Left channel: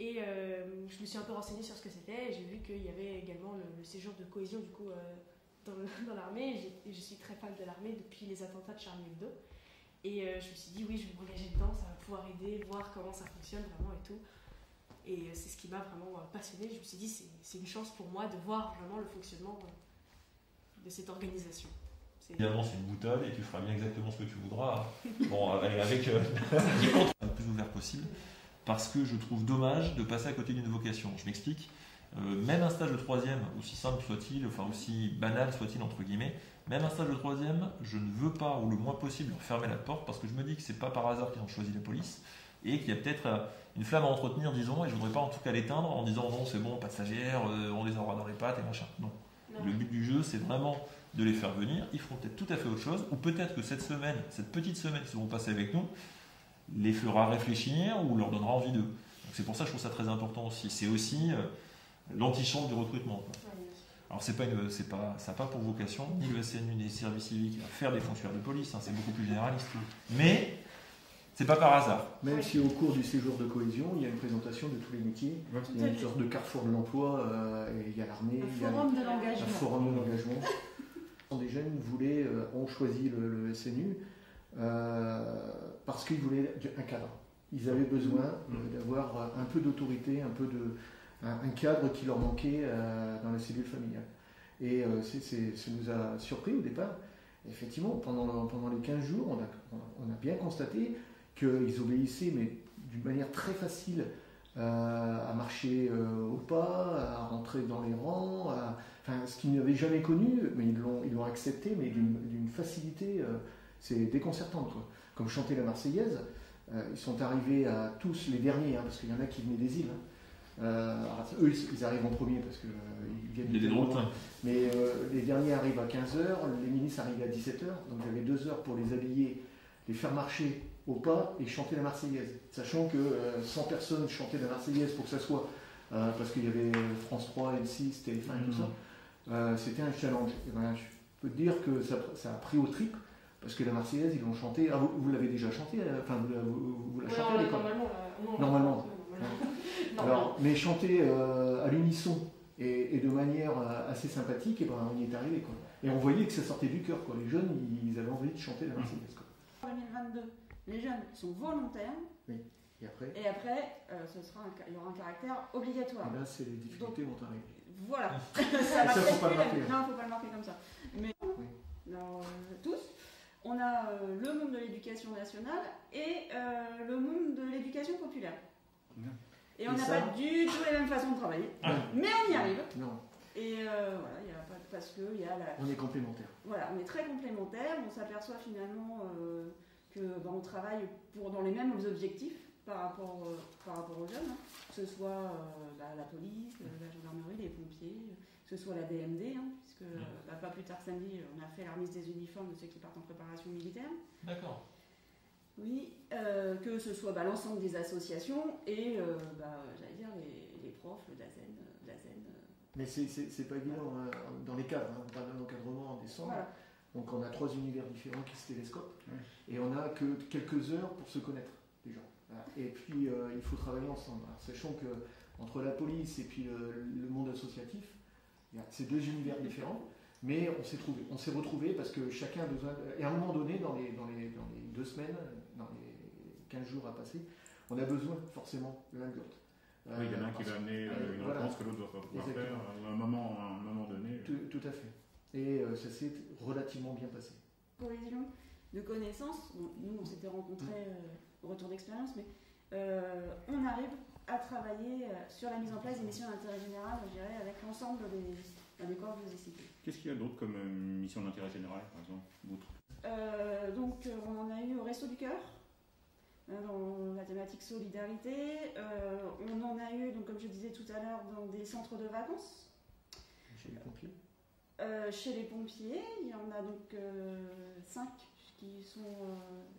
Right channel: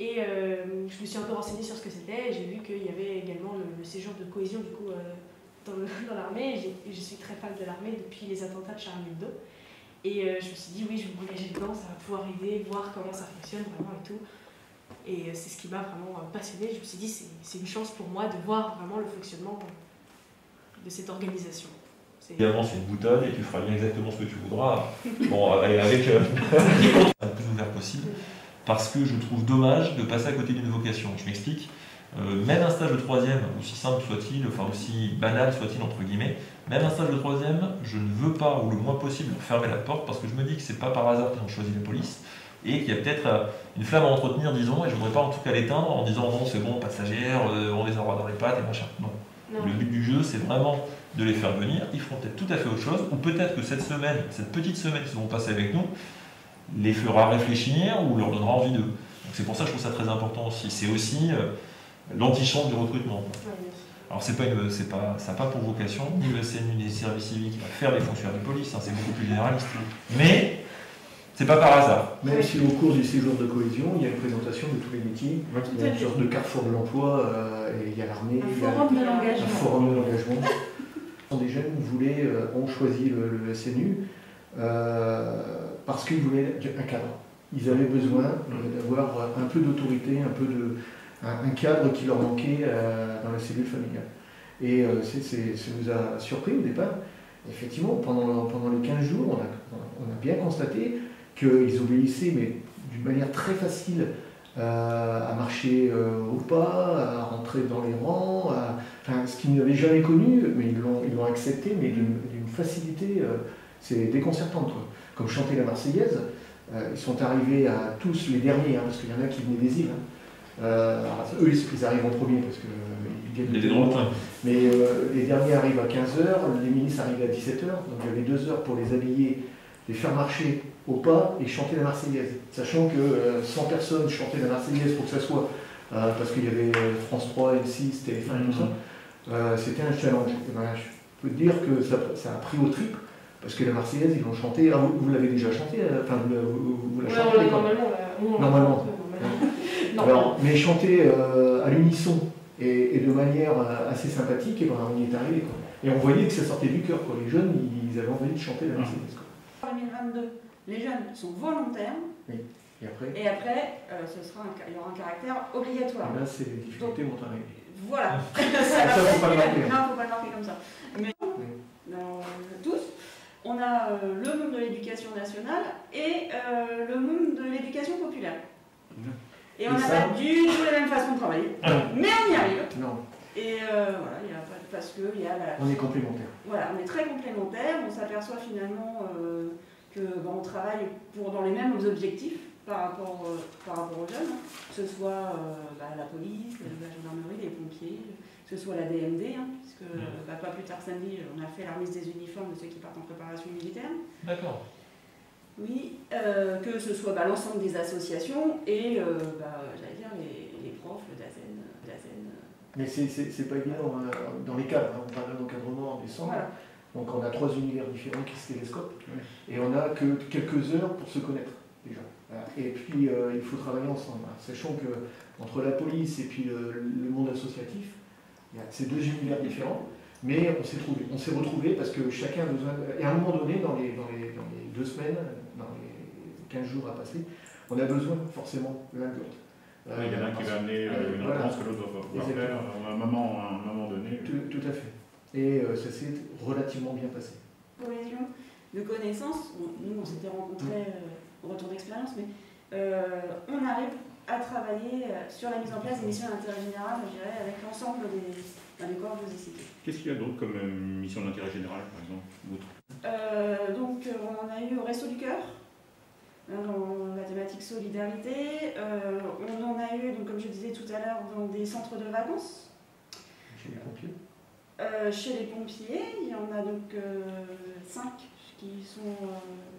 Et je me suis un peu renseignée sur ce que c'était, et j'ai vu qu'il y avait également le séjour de cohésion du coup, dans l'armée. Je suis très fan de l'armée depuis les attentats de Charlie Hebdo. Et je me suis dit, oui, je vais m'engager dedans, ça va pouvoir aider, voir comment ça fonctionne vraiment et tout. Et c'est ce qui m'a vraiment passionnée. Je me suis dit, c'est une chance pour moi de voir vraiment le fonctionnement de cette organisation. Évidemment, c'est une boutonne et tu feras bien exactement ce que tu voudras. Bon, avec le plus ouvert possible, parce que je trouve dommage de passer à côté d'une vocation. Je m'explique. Même un stage de troisième, aussi simple soit-il, enfin aussi banal soit-il entre guillemets, même un stage de troisième, je ne veux pas, ou le moins possible, fermer la porte, parce que je me dis que c'est pas par hasard qu'ils ont choisi la police, et qu'il y a peut-être une flamme à entretenir, disons, et je voudrais pas en tout cas l'éteindre en disant non, c'est bon, passagère, on les envoie dans les pattes et machin. Non. Le but du jeu, c'est vraiment de les faire venir, ils feront peut-être tout à fait autre chose, ou peut-être que cette semaine, cette petite semaine qu'ils vont passer avec nous, les fera réfléchir ou leur donnera envie d'eux. Donc c'est pour ça que je trouve ça très important aussi. C'est aussi l'antichambre du recrutement. Alors ça n'a pas pour vocation, ni le CNU, ni les services civiques, à faire les fonctionnaires de police, hein, c'est beaucoup plus généraliste. Mais c'est pas par hasard. Même si au cours du séjour de cohésion, il y a une présentation de tous les métiers, il y a une sorte de carrefour de l'emploi, et il y a l'armée, il y a un forum de l'engagement. Des jeunes ont choisi le SNU parce qu'ils voulaient un cadre. Ils avaient besoin d'avoir un peu d'autorité, un cadre qui leur manquait dans la cellule familiale. Et ça nous a surpris au départ. Effectivement, pendant les 15 jours, on a bien constaté qu'ils obéissaient, mais d'une manière très facile, à marcher au pas, à rentrer dans les rangs, ce qu'ils n'avaient jamais connu, mais ils l'ont accepté, mais d'une facilité, c'est déconcertant, quoi. Comme chanter la Marseillaise, ils sont arrivés à tous, les derniers, hein, parce qu'il y en a qui venaient des îles. Eux, ils arrivent en premier, parce qu'ils viennent de loin. Mais les derniers arrivent à 15h, les ministres arrivent à 17h, donc il y avait 2 heures pour les habiller, les faire marcher au pas et chanter la Marseillaise. Sachant que 100 personnes chantaient la Marseillaise pour que ça soit, parce qu'il y avait France 3, M6, TF1 et tout ça, c'était un challenge. Et ben, je peux te dire que ça a pris au trip, parce que la Marseillaise, ils l'ont chantée. Ah, vous l'avez déjà chantée, enfin vous la chantez normalement. Alors, mais chanter à l'unisson et de manière assez sympathique, et ben, on y est arrivé, quoi. Et on voyait que ça sortait du cœur, quoi. Les jeunes, ils avaient envie de chanter la Marseillaise, quoi. En 2022, les jeunes sont volontaires. Oui. Et après, il y aura un caractère obligatoire. Et là, c'est les difficultés vont arriver. Voilà. Ça, faut pas le marquer. Non, faut pas le marquer comme ça. Mais dans tous, on a le monde de l'éducation nationale et le monde de l'éducation populaire. Et on n'a pas du tout la même façon de travailler. Mais on y arrive. Non. Et voilà, il y a pas parce que il y a on est complémentaires. Voilà, on est très complémentaires. On s'aperçoit finalement on travaille dans les mêmes objectifs par rapport aux jeunes, que ce soit la police, la gendarmerie, les pompiers, que ce soit la DMD, puisque pas plus tard samedi, on a fait la remise des uniformes de ceux qui partent en préparation militaire. D'accord. Oui, que ce soit l'ensemble des associations et, j'allais dire, les profs, le DAZEN. Mais c'est pas évident dans les cadres, on parle d'encadrement en décembre. Voilà. Donc on a 3 univers différents qui se télescopent, et on n'a que quelques heures pour se connaître déjà. Et puis il faut travailler ensemble, sachant que entre la police et puis le monde associatif, il y a ces 2 univers différents, mais on s'est retrouvés parce que chacun a besoin, et à un moment donné, dans les 2 semaines, dans les 15 jours à passer, on a besoin forcément l'un de l'autre. Il y en a un qui va amener une réponse que l'autre va pouvoir faire à un moment donné. Tout à fait. Et ça s'est relativement bien passé. Cohésion de connaissances, nous on s'était rencontrés au retour d'expérience, mais on arrive à travailler sur la mise en place des missions d'intérêt général, je dirais, avec l'ensemble des corps que je vous ai cités. Qu'est-ce qu'il y a d'autre comme mission d'intérêt général, par exemple? Donc on a eu au Resto du Cœur, dans la thématique solidarité. On en a eu, donc, comme je disais tout à l'heure, dans des centres de vacances. Chez les pompiers. Chez les pompiers, il y en a donc 5 qui sont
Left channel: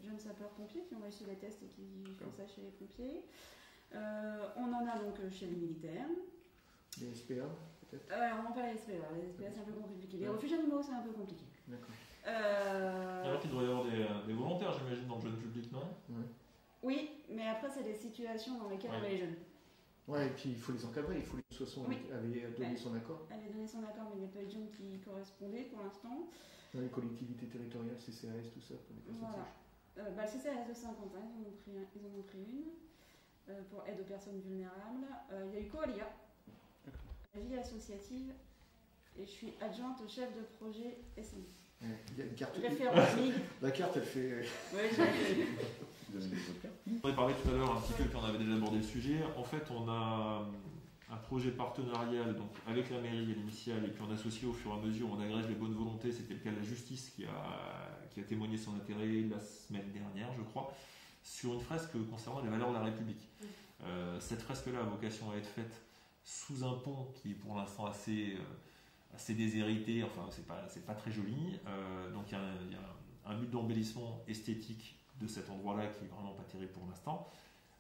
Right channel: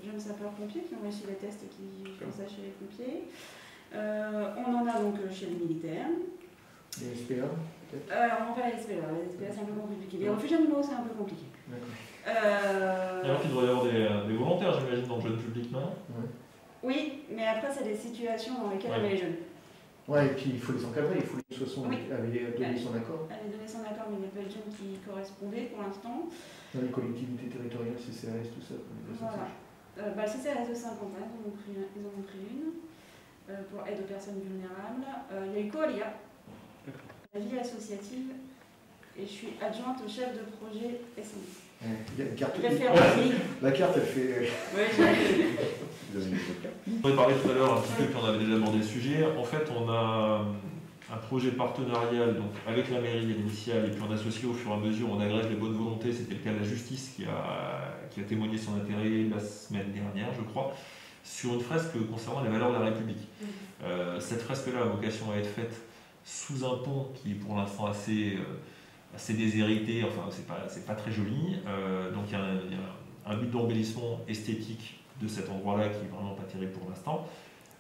jeunes sapeurs-pompiers qui ont réussi les tests et qui font ça chez les pompiers. On en a donc chez les militaires. Les SPA on va les SPA. Les SPA c'est un peu compliqué. Les refuges animaux c'est un peu compliqué. Alors qu'il devrait y avoir des volontaires, j'imagine, dans le jeune public, non? Oui, mais après c'est des situations dans lesquelles on met les jeunes. Ouais, et puis il faut les encadrer, il faut que ce soit donner son accord. Elle a donné son accord, mais il n'y a pas de jeunes qui correspondaient pour l'instant. Dans les collectivités territoriales, CCRS, tout ça. Voilà. Le CCRS de Saint-Quentin, ils en ont pris une pour aide aux personnes vulnérables. Il y a eu Coalia, la vie associative, et je suis adjointe au chef de projet SMI. Il y a une carte. La carte, elle fait. On avait parlé tout à l'heure un petit peu, puis on avait déjà abordé le sujet. En fait, on a un projet partenarial donc, avec la mairie à l'initiale, et puis on associe au fur et à mesure, on agrège les bonnes volontés. C'était le cas de la justice qui a témoigné son intérêt la semaine dernière, je crois, sur une fresque concernant les valeurs de la République. Cette fresque-là a vocation à être faite sous un pont qui est pour l'instant assez déshérité, enfin c'est pas très joli. Donc il y a un but d'embellissement esthétique de cet endroit-là qui est vraiment pas terrible pour l'instant,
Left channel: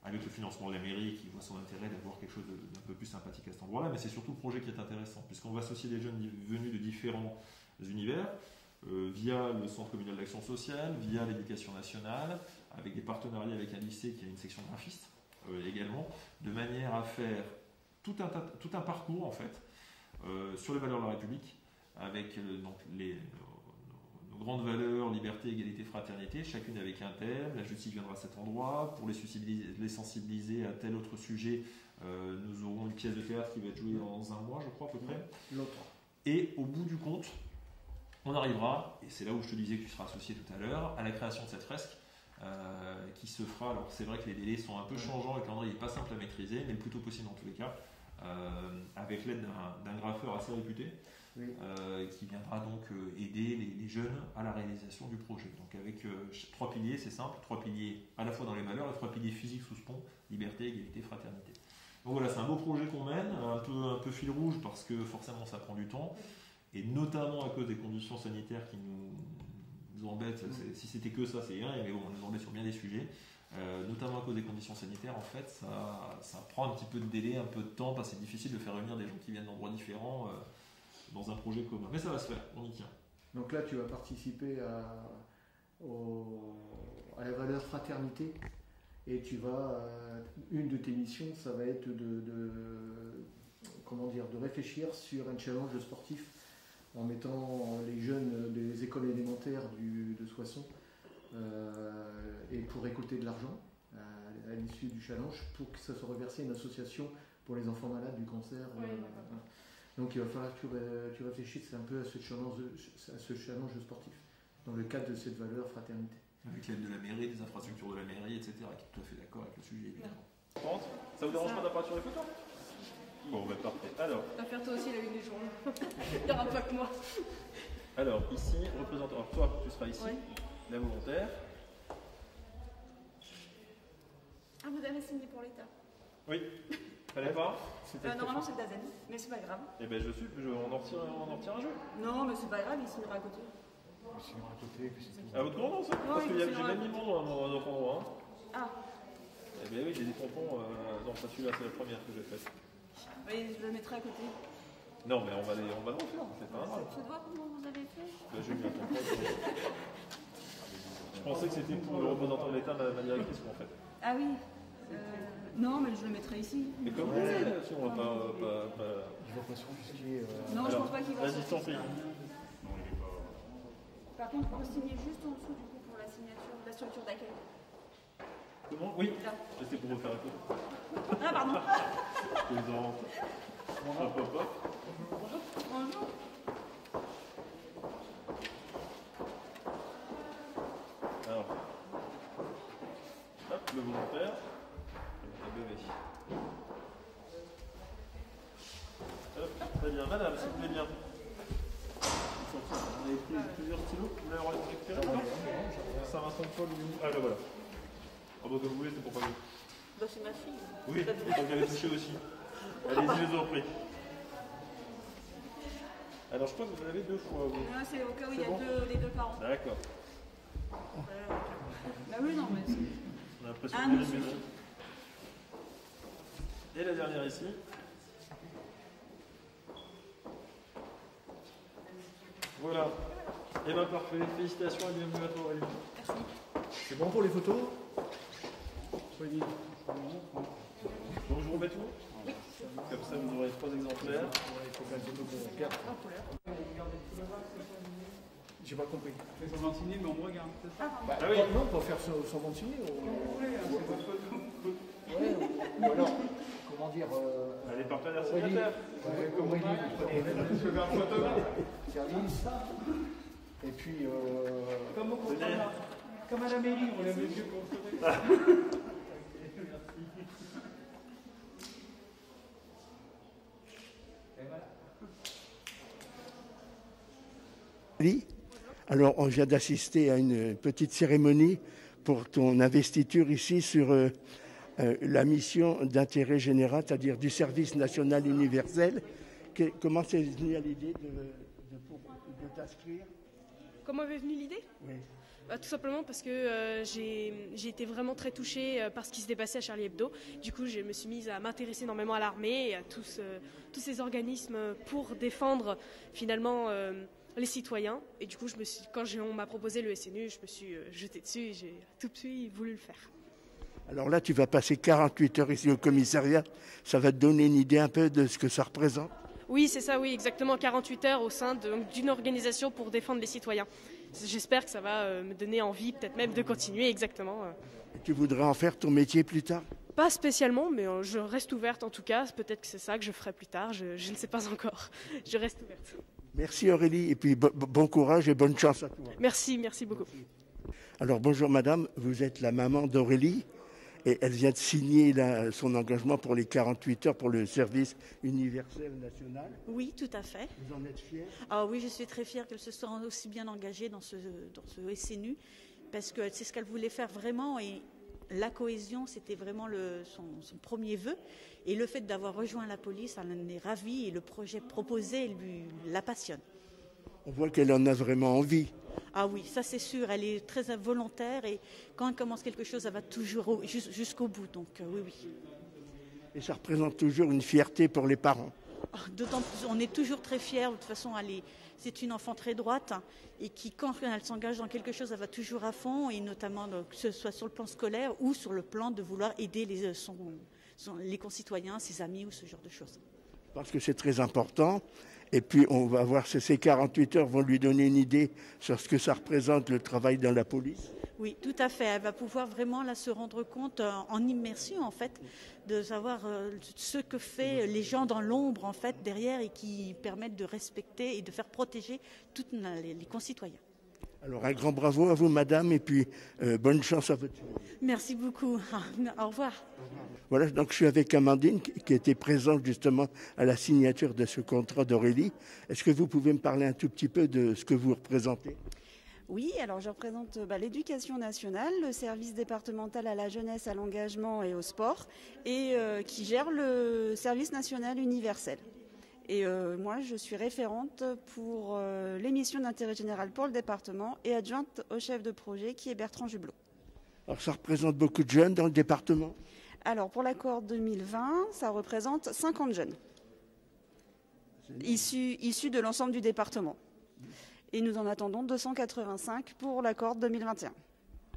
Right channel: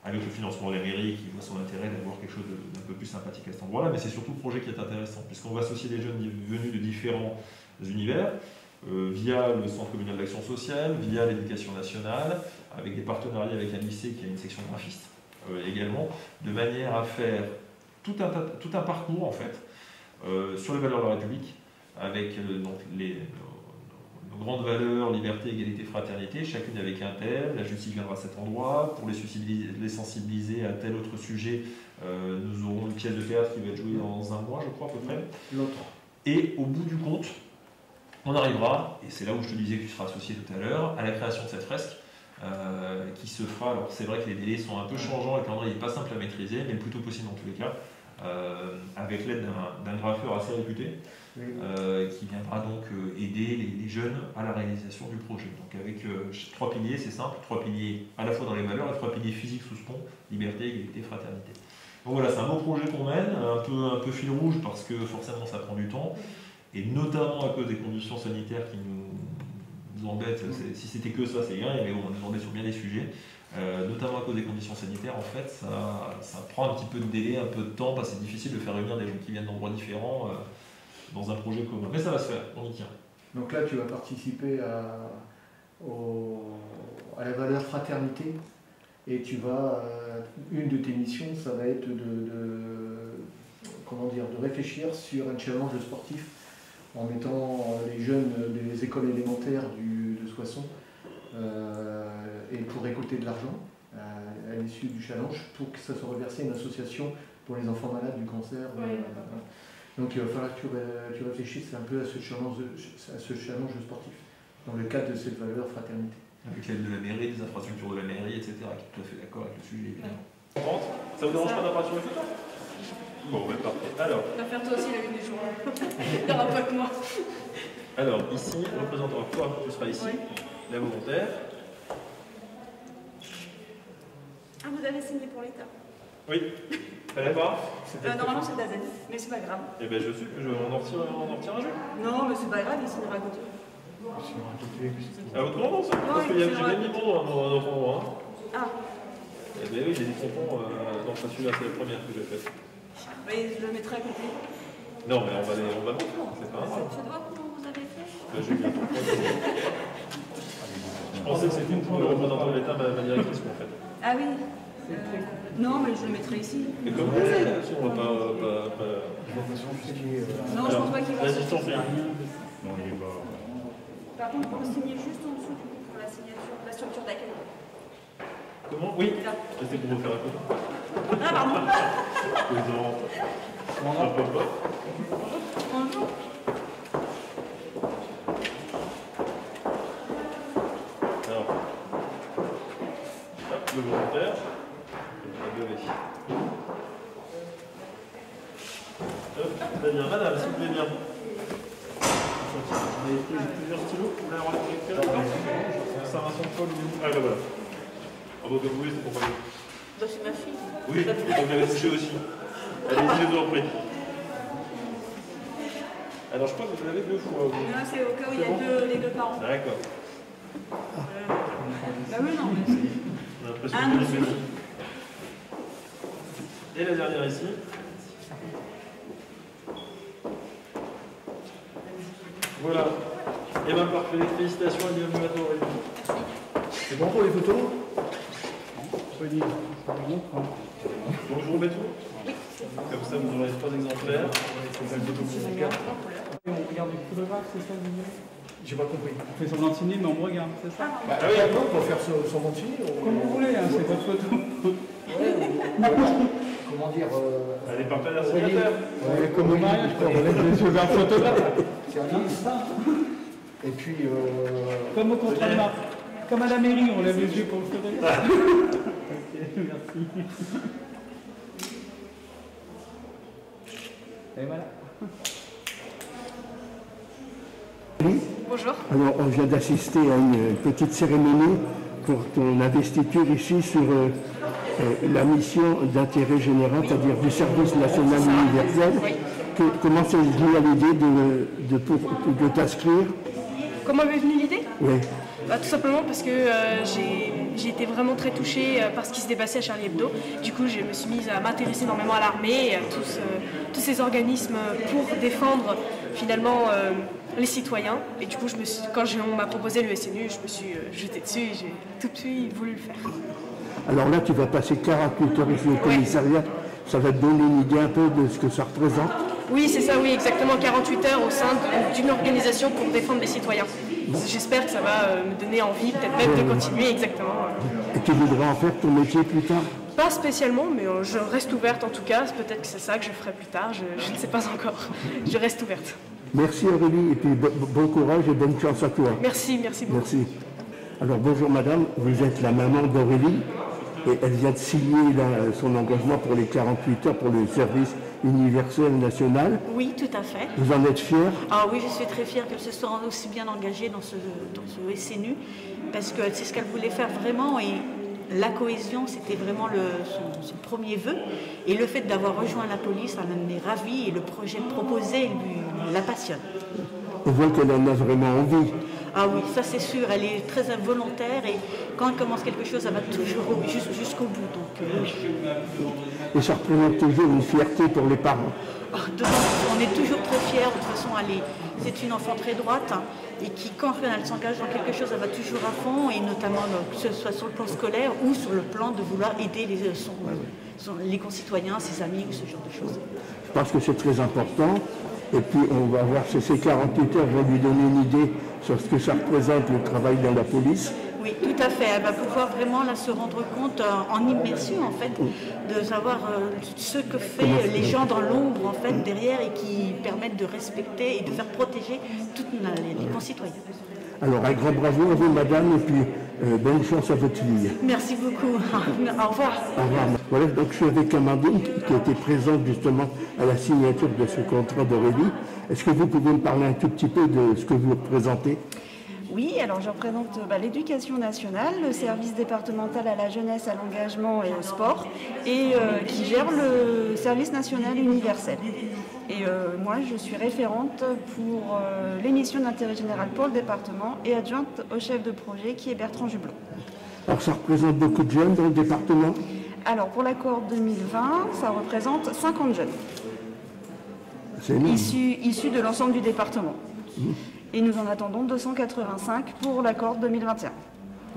avec le financement de la mairie qui voit son intérêt d'avoir quelque chose d'un peu plus sympathique à cet endroit-là, mais c'est surtout le projet qui est intéressant, puisqu'on va associer des jeunes venus de différents univers, via le Centre communal d'action sociale, via l'éducation nationale, avec des partenariats avec un lycée qui a une section graphiste également, de manière à faire tout un parcours en fait, sur les valeurs de la République, avec donc nos grandes valeurs, liberté, égalité, fraternité, chacune avec un thème. La justice viendra à cet endroit. Pour les sensibiliser à tel autre sujet, nous aurons une pièce de théâtre qui va être jouée dans un mois, je crois, à peu près. L'autre. Et au bout du compte, on arrivera, et c'est là où je te disais que tu seras associé tout à l'heure, à la création de cette fresque, qui se fera. Alors c'est vrai que les délais sont un peu changeants, le calendrier n'est pas simple à maîtriser, mais le plus tôt possible dans tous les cas, avec l'aide d'un graffeur assez réputé, qui viendra donc aider les jeunes à la réalisation du projet. Donc avec 3 piliers, c'est simple, 3 piliers à la fois dans les valeurs, et 3 piliers physiques sous ce pont, liberté, égalité, fraternité. Donc voilà, c'est un beau projet qu'on mène, un peu fil rouge parce que forcément ça prend du temps, et notamment à cause des conditions sanitaires qui nous embêtent. Si c'était que ça, c'est rien, mais on nous embête sur bien des sujets. Notamment à cause des conditions sanitaires, en fait, ça prend un petit peu de délai, un peu de temps, parce que c'est difficile de faire réunir des gens qui viennent d'endroits différents dans un projet commun. Mais ça va se faire, on y tient. Donc là, tu vas participer à la valeur fraternité, et tu vas, une de tes missions, ça va être de réfléchir sur un challenge sportif en mettant les jeunes des écoles élémentaires de Soissons et pour récolter de l'argent à l'issue du challenge pour que ça soit reversé à une association pour les enfants malades du cancer. Donc il va falloir que tu réfléchisses un peu à ce challenge sportif dans le cadre de cette valeur fraternité. Avec l'aide de la mairie, des infrastructures de la mairie, etc. qui est tout à fait d'accord avec le sujet. Ça vous dérange pas d'apparaître sur le photo? Bon, ben parfait. Alors. Tu vas faire toi aussi la une du jour. Tu n'auras pas que moi. Alors, ici, représentant toi, tu seras ici, oui. La volontaire. Ah, vous avez signé pour l'État? Oui. Fallait pas? Normalement, c'est d'Azen, mais c'est pas grave. Eh ben, on en retire un jour. Non, mais c'est pas grave, il signera à côté. À votre nom, ça? Parce que j'ai même mis mon nom dans notre endroit. Ah. Eh bien oui, j'ai des tampons, non, pas celui-là, c'est la première que j'ai faite. Oui, je le mettrai à côté. Non, mais on va le faire, c'est pas grave. Ça doit comment vous avez fait? Ben, j'ai mis un tampon. Je pensais que c'était pour le représentant de l'État, ma directrice, en fait. Ah oui. Non, mais je le mettrai ici. Et comme vous voulez, on va pas... Information fiscale. Non, je pense pas qu'il va. Vas-y, je t'en prie. Non, il est pas... Par contre, pour signer juste en dessous, pour la signature, la structure d'accueil. Comment? Oui. C'était pour vous faire un côté. Ah, pardon. Un peu pas. Bonjour. Alors, hop, le volontaire, la bébé. Hop, très bien. Madame, s'il vous plaît bien. Vous avez plusieurs stylos? Vous voulez avoir les récupérer? Saint-Vincent-de-Paul. Ah, ben voilà. Ah, bon, comme vous voulez, c'est pour moi. Bah, c'est ma fille. Oui, donc vous l'avez touché aussi. Allez-y, je vous en prie. Alors, je crois que vous l'avez 2 fois. Non, c'est au cas où il y a les deux parents. D'accord. Bah oui, non, mais c'est... On a l'impression que c'est une. Et la dernière ici. Voilà. Et bien parfait. Félicitations et bienvenue à toi, Aurélie. C'est bon pour les photos? Bon, je vous remets tout. Comme ça, vous aurez 3 exemplaires. On regarde le photographe, c'est ça, vous voulez? J'ai pas compris. On fait semblant de signer, mais on me regarde, c'est ça? Bah, oui, on peut faire semblant de signer. Comme vous voulez, hein, c'est votre photo. Comment dire Elle est partenaire signataire. Comme au mariage, quoi. On laisse les yeux vers le photographe. Et puis. Comme au contrat de marque. Comme à la mairie, on lève les yeux pour le photographe. Ok, merci. Et voilà. Bonjour. Alors, on vient d'assister à une petite cérémonie pour ton investiture ici sur la mission d'intérêt général, c'est-à-dire du service national universel. Oui. Comment c'est venu à l'idée de t'inscrire? Comment m'est venue l'idée? Oui. Tout simplement parce que j'ai été vraiment très touchée par ce qui se dépassait à Charlie Hebdo. Du coup, je me suis mise à m'intéresser énormément à l'armée et à tous ces organismes pour défendre finalement les citoyens. Et du coup, quand on m'a proposé le SNU, je me suis jetée dessus et j'ai tout de suite voulu le faire. Alors là, tu vas passer 48 heures ici au commissariat. Ça va te donner une idée un peu de ce que ça représente? Oui, c'est ça, oui, exactement. 48 heures au sein d'une organisation pour défendre les citoyens. J'espère que ça va me donner envie, peut-être même de continuer, exactement. Et tu voudrais en faire ton métier plus tard? Pas spécialement, mais je reste ouverte en tout cas. Peut-être que c'est ça que je ferai plus tard, je ne sais pas encore. Je reste ouverte. Merci Aurélie, et puis bon courage et bonne chance à toi. Merci, merci beaucoup. Merci. Alors bonjour madame, vous êtes la maman d'Aurélie et elle vient de signer son engagement pour les 48 heures pour le service universel national. Oui, tout à fait. Vous en êtes fière? Ah oui, je suis très fière qu'elle se soit aussi bien engagée dans ce SNU parce que c'est ce qu'elle voulait faire vraiment et la cohésion, c'était vraiment son premier vœu. Et le fait d'avoir rejoint la police, elle en est ravie et le projet proposé la passionne. On voit qu'elle en a vraiment envie. Ah oui, ça c'est sûr, elle est très volontaire et quand elle commence quelque chose, elle va toujours jusqu'au bout. Donc, Et ça représente toujours une fierté pour les parents. On est toujours très fiers, de toute façon, c'est une enfant très droite hein, et qui, quand elle s'engage dans quelque chose, elle va toujours à fond et notamment que ce soit sur le plan scolaire ou sur le plan de vouloir aider les concitoyens, ses amis, ce genre de choses. Je pense que c'est très important. Et puis on va voir si ces 48 heures vont lui donner une idée sur ce que ça représente le travail dans la police. Oui, tout à fait. Elle va pouvoir vraiment là, se rendre compte en immersion en fait, de savoir ce que fait les gens dans l'ombre en fait derrière et qui permettent de respecter et de faire protéger tous les concitoyens. Alors un grand bravo à vous madame et puis bonne chance à votre fille. Merci beaucoup. Au revoir. Au revoir. Voilà, donc je suis avec Amandine qui était présente justement à la signature de ce contrat d'Aurélie. Est-ce que vous pouvez me parler un tout petit peu de ce que vous représentez? Oui, alors je représente l'éducation nationale, le service départemental à la jeunesse, à l'engagement et au sport, et qui gère le service national universel. Et moi, je suis référente pour les missions d'intérêt général pour le département et adjointe au chef de projet qui est Bertrand Jublot. Alors ça représente beaucoup de jeunes dans le département? Alors pour la cohorte 2020, ça représente 50 jeunes. C'est énorme. Issus de l'ensemble du département. Et nous en attendons 285 pour la cohorte 2021.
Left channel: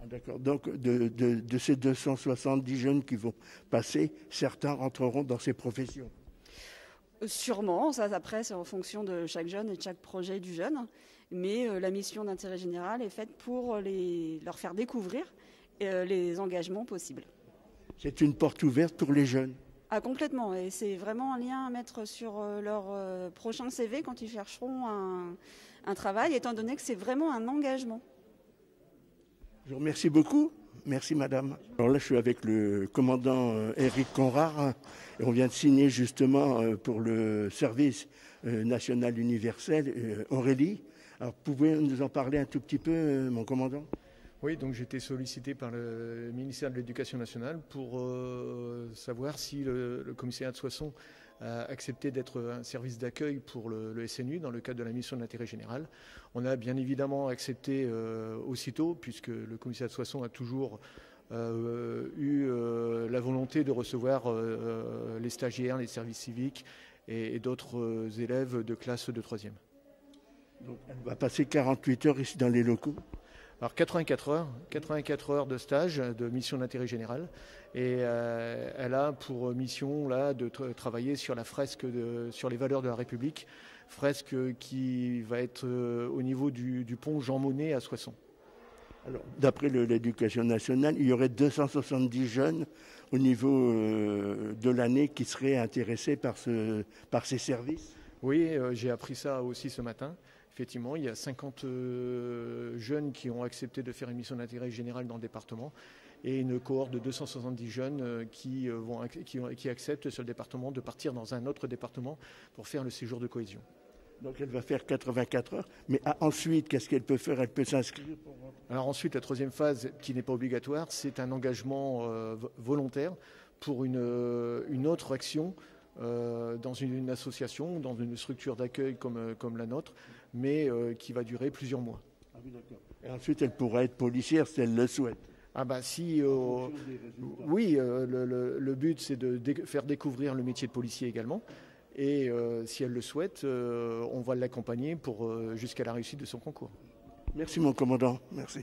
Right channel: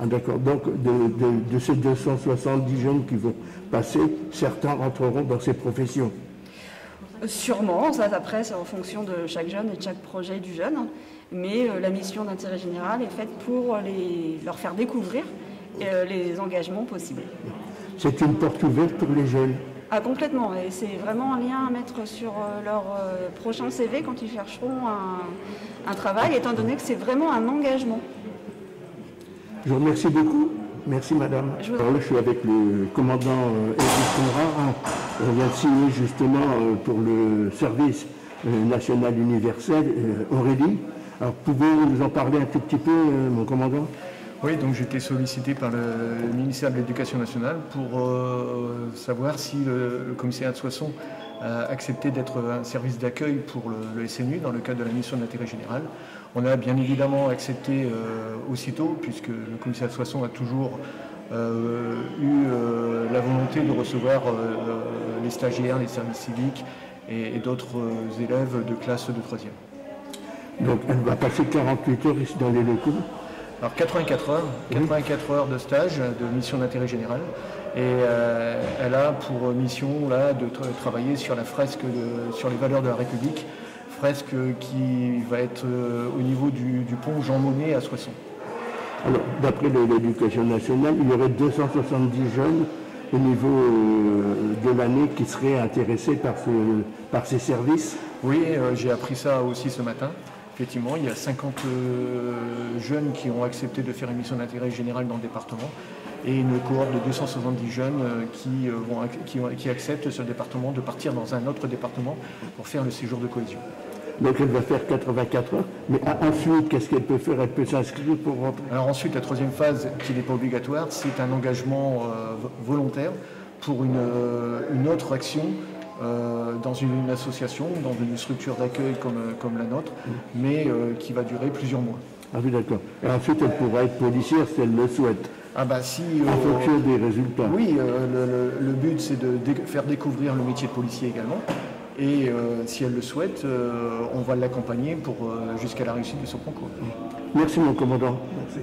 Ah, d'accord, donc de ces 270 jeunes qui vont passer, certains rentreront dans ces professions? Sûrement, ça après c'est en fonction de chaque jeune et de chaque projet du jeune, mais la mission d'intérêt général est faite pour leur faire découvrir les engagements possibles. C'est une porte ouverte pour les jeunes? Ah complètement, et c'est vraiment un lien à mettre sur leur prochain CV quand ils chercheront un travail, étant donné que c'est vraiment un engagement. Je vous remercie beaucoup. Merci madame. Alors là, je suis avec le commandant Éric Conrad. On vient de signer justement pour le service national universel, Aurélie. Alors pouvez-vous nous en parler un tout petit peu, mon commandant? Oui, donc j'ai été sollicité par le ministère de l'Éducation nationale pour savoir si le commissariat de Soissons a accepté d'être un service d'accueil pour le SNU dans le cadre de la mission d'intérêt général. On a bien évidemment accepté aussitôt, puisque le commissariat de Soissons a toujours eu la volonté de recevoir les stagiaires, les services civiques et d'autres élèves de classe de 3e. Donc elle va passer 48 heures ici dans les locaux? Alors 84 heures de stage, de mission d'intérêt général, Et elle a pour mission là, de travailler sur la fresque sur les valeurs de la République, fresque qui va être au niveau du pont Jean Monnet à Soissons. Alors, d'après l'Éducation nationale, il y aurait 270 jeunes au niveau de l'année qui seraient intéressés par ces services. Oui, j'ai appris ça aussi ce matin. Effectivement, il y a 50 jeunes qui ont accepté de faire une mission d'intérêt général dans le département et une cohorte de 270 jeunes qui acceptent sur le département de partir dans un autre département pour faire le séjour de cohésion. Donc elle va faire 84 heures, mais ensuite, qu'est-ce qu'elle peut faire? Elle peut s'inscrire pour rentrer? Alors ensuite, la troisième phase, qui n'est pas obligatoire, c'est un engagement volontaire pour une autre action dans une association, dans une structure d'accueil comme la nôtre, mais qui va durer plusieurs mois. Ah oui, d'accord. Et ensuite, elle pourra être policière si elle le souhaite. Ah bah si, en fonction des résultats. Oui, le but c'est de faire découvrir le métier de policier également. Et si elle le souhaite, on va l'accompagner jusqu'à la réussite de son concours. Merci mon commandant. Merci.